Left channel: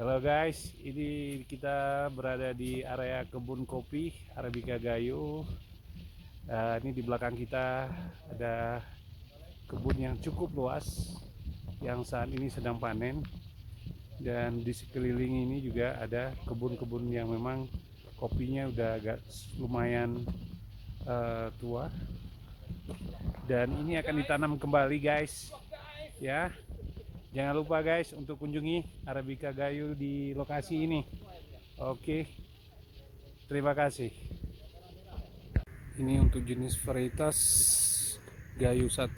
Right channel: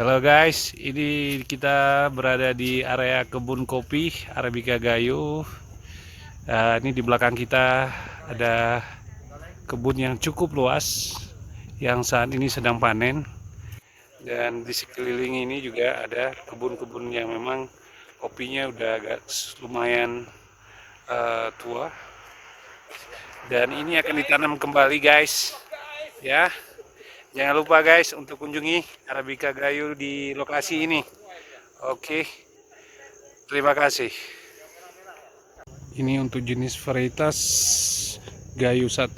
Halo guys, ini kita berada di area kebun kopi Arabica Gayo. Ini di belakang kita ada kebun yang cukup luas yang saat ini sedang panen. Dan di sekeliling ini juga ada kebun-kebun yang memang kopinya udah agak lumayan tua. Dan ini akan ditanam kembali guys, ya. Jangan lupa guys untuk kunjungi Arabica Gayo di lokasi ini. Oke, terima kasih. Ini untuk jenis varietas Gayo 1.